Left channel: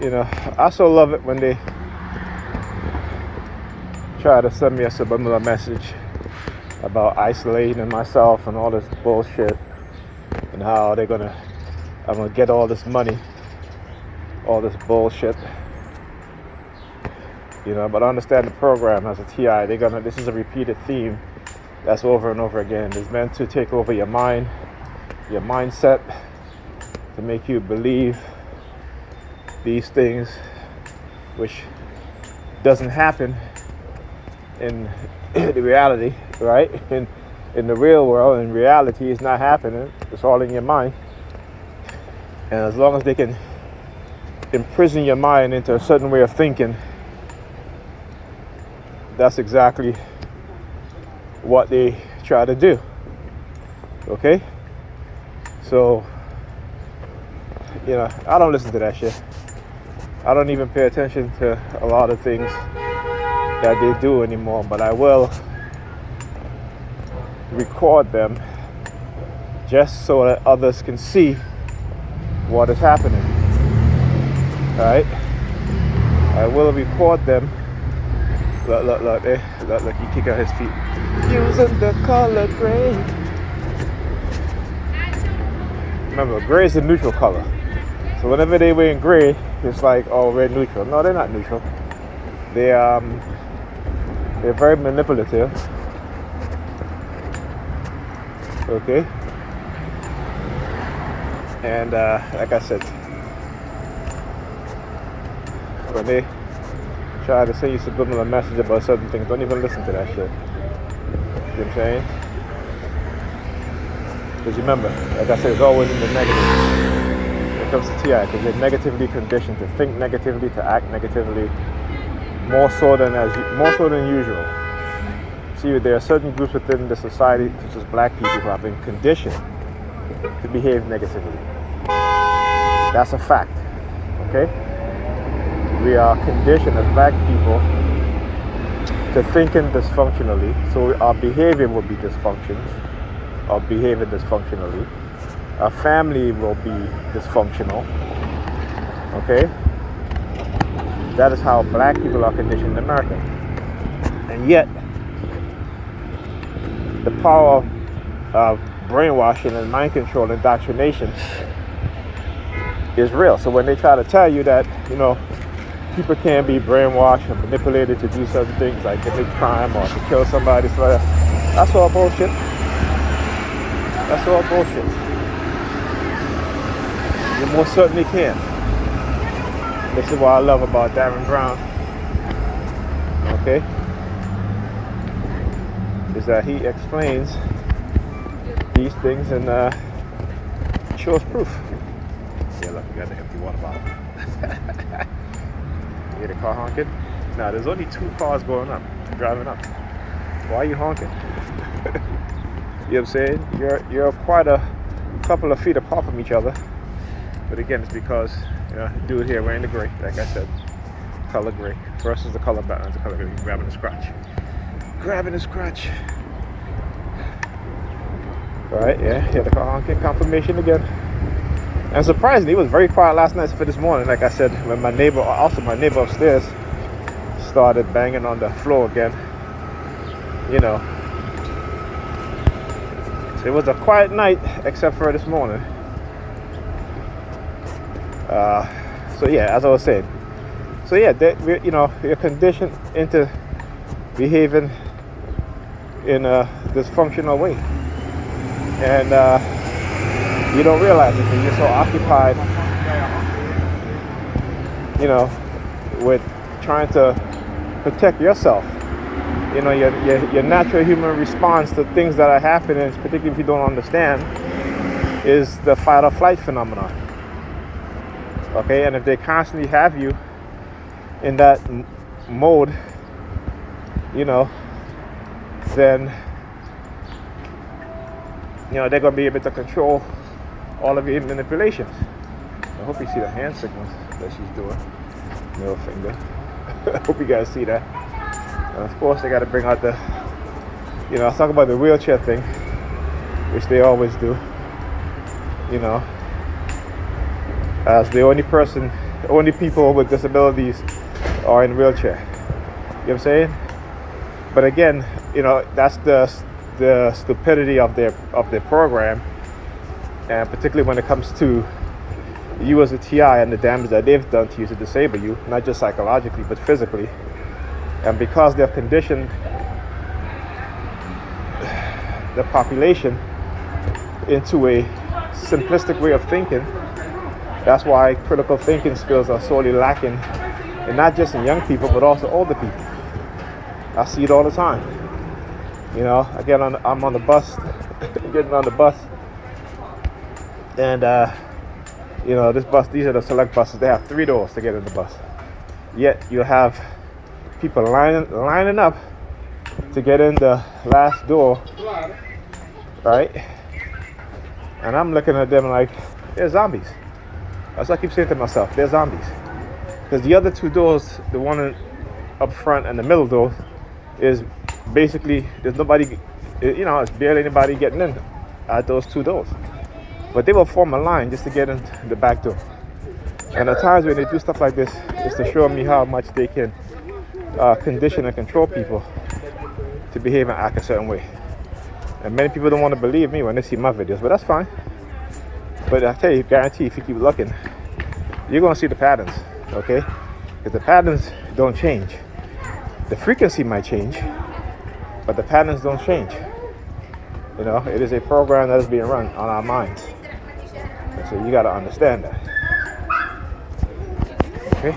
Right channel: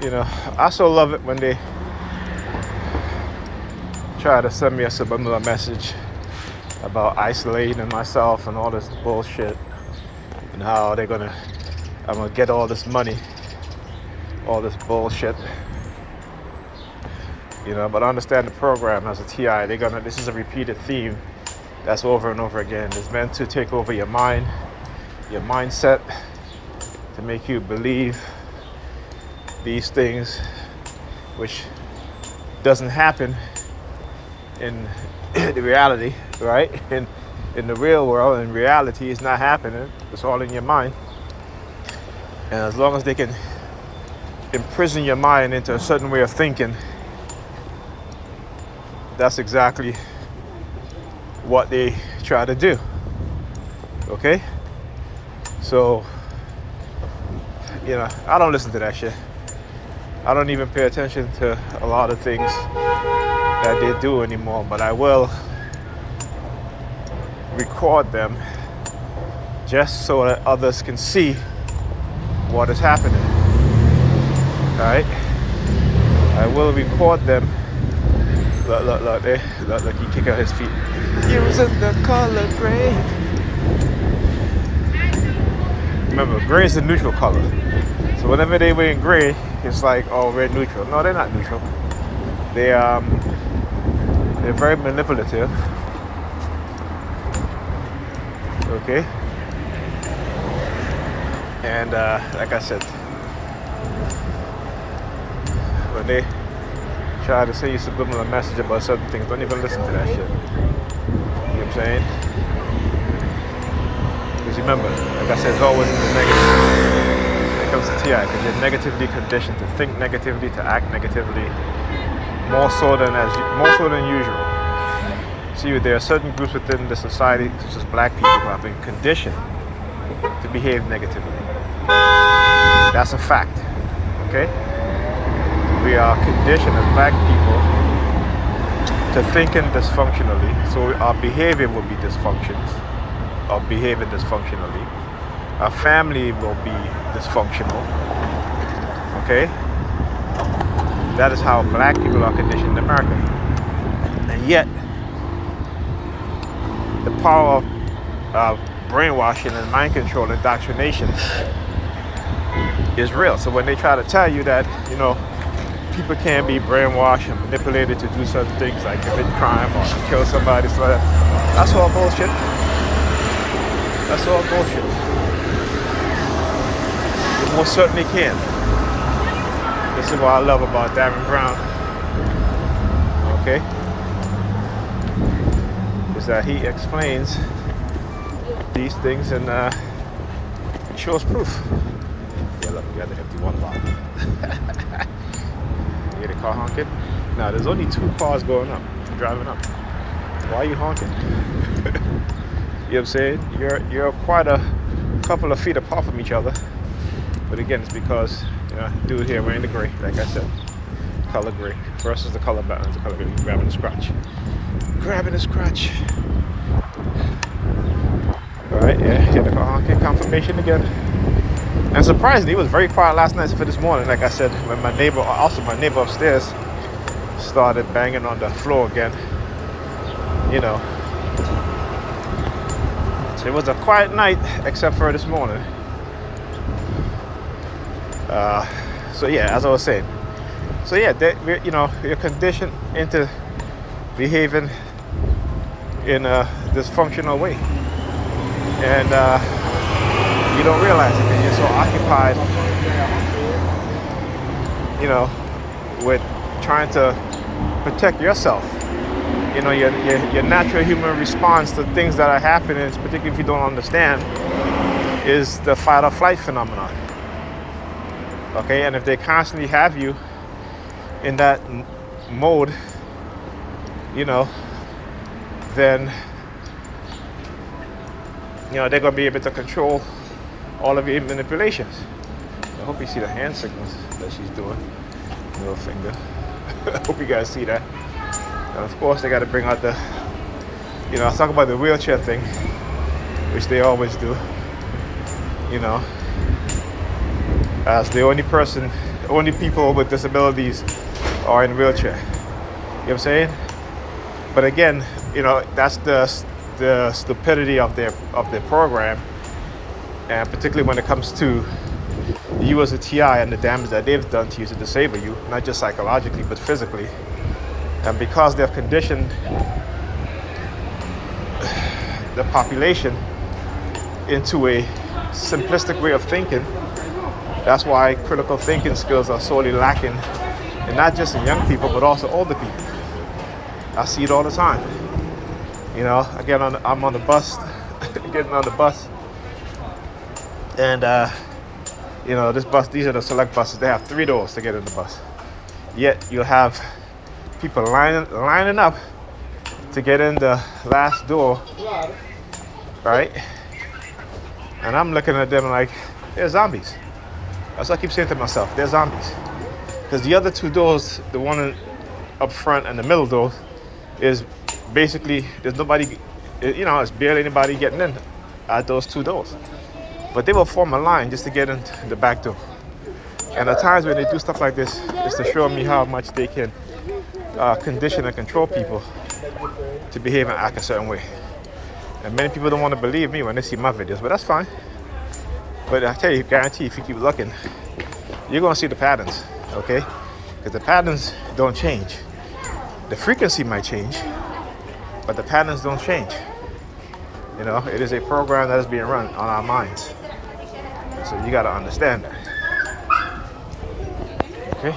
You know, I so love it when they try to send me a subliminal message about isolating myself and all this bullshit, and how I'm gonna get all this money, all this bullshit. You know, but I understand the program as a TI. This is a repeated theme that's over and over again. It's meant to take over your mind, your mindset, to make you believe these things, which doesn't happen in the reality, right? In the real world, in reality, it's not happening. It's all in your mind. And as long as they can imprison your mind into a certain way of thinking, that's exactly what they try to do. Okay? So, you know, I don't listen to that shit. I don't even pay attention to a lot of things that they do anymore, but I will record them just so that others can see what is happening. Right? I will record them. Look, he kick out his feet. Using the color gray. Remember, gray is the neutral color. So whenever they wear gray, it's like, oh, we're neutral. No, they're not neutral. They're very manipulative. Okay. And like I said, when they try to say you subliminal message about certain things, don't even listen to that shit. You know what I'm saying? Because remember, like I said, it's always in the negative. When it comes to TI, because you're negatively conditioned to think negatively, to act negatively, more so than usual. See, there are certain groups within the society, such as black people, who have been conditioned to behave negatively. That's a fact. Okay? We are conditioned as black people to thinking dysfunctionally, so our behavior will be dysfunctions, or behaving dysfunctionally. Our family will be dysfunctional. Okay? That is how black people are conditioned in America. And yet, the power of brainwashing and mind control and indoctrination is real. So when they try to tell you that, you know, people can be brainwashed and manipulated to do certain things like commit crime or to kill somebody, so that's all bullshit. That's all bullshit. You most certainly can. This is what I love about Darren Brown. Okay? Is that he explains these things and shows proof. Yeah, look, we got the empty water bottle. You hear the car honking? Now, there's only 2 cars going up, driving up. Why are you honking? You know what I'm saying? You're quite a couple of feet apart from each other. But again, it's because, you know, dude here wearing the gray, like I said, color gray versus the color background, the color gray, grabbing the scratch. Grabbing the scratch. Right, yeah, the car honking confirmation again. And surprisingly, it was very quiet last night for this morning. Like I said, when my neighbor upstairs started banging on the floor again. You know. So it was a quiet night, except for this morning. So yeah, as I was saying. So yeah, you're conditioned into behaving in a dysfunctional way. And you don't realize it because you're so occupied, you know, with trying to protect yourself. You know, your natural human response to things that are happening, particularly if you don't understand, is the fight or flight phenomenon. Okay, and if they constantly have you in that mode, you know, then, you know, they're going to be able to control all of your manipulations. I hope you see the hand signals that she's doing. Middle finger. I hope you guys see that. And of course, they got to bring out the, you know, I talk about the wheelchair thing, which they always do. You know, as the only people with disabilities are in wheelchair. You know what I'm saying? But again, that's the stupidity of their program, and particularly when it comes to you as a TI and the damage that they've done to you to disable you, not just psychologically but physically. And because they've conditioned the population into a simplistic way of thinking, that's why critical thinking skills are sorely lacking, and not just in young people but also older people. I see it all the time. I'm on the bus, getting on the bus, and these are the select buses. They have 3 doors to get in the bus. Yet you'll have people lining up to get in the last door, right? And I'm looking at them like, they're zombies. That's what I keep saying to myself, they're zombies. Because the other 2 doors, the one up front and the middle door, is basically, there's nobody, it's barely anybody getting in at those 2 doors. But they will form a line just to get in the back door. And at times when they do stuff like this, it's to show me how much they can condition and control people to behave and act a certain way. And many people don't want to believe me when they see my videos, but that's fine. But I tell you, guarantee if you keep looking, you're going to see the patterns, okay? Because the patterns don't change. The frequency might change, but the patterns don't change. It is a program that is being run on our minds. So you got to understand that. Okay?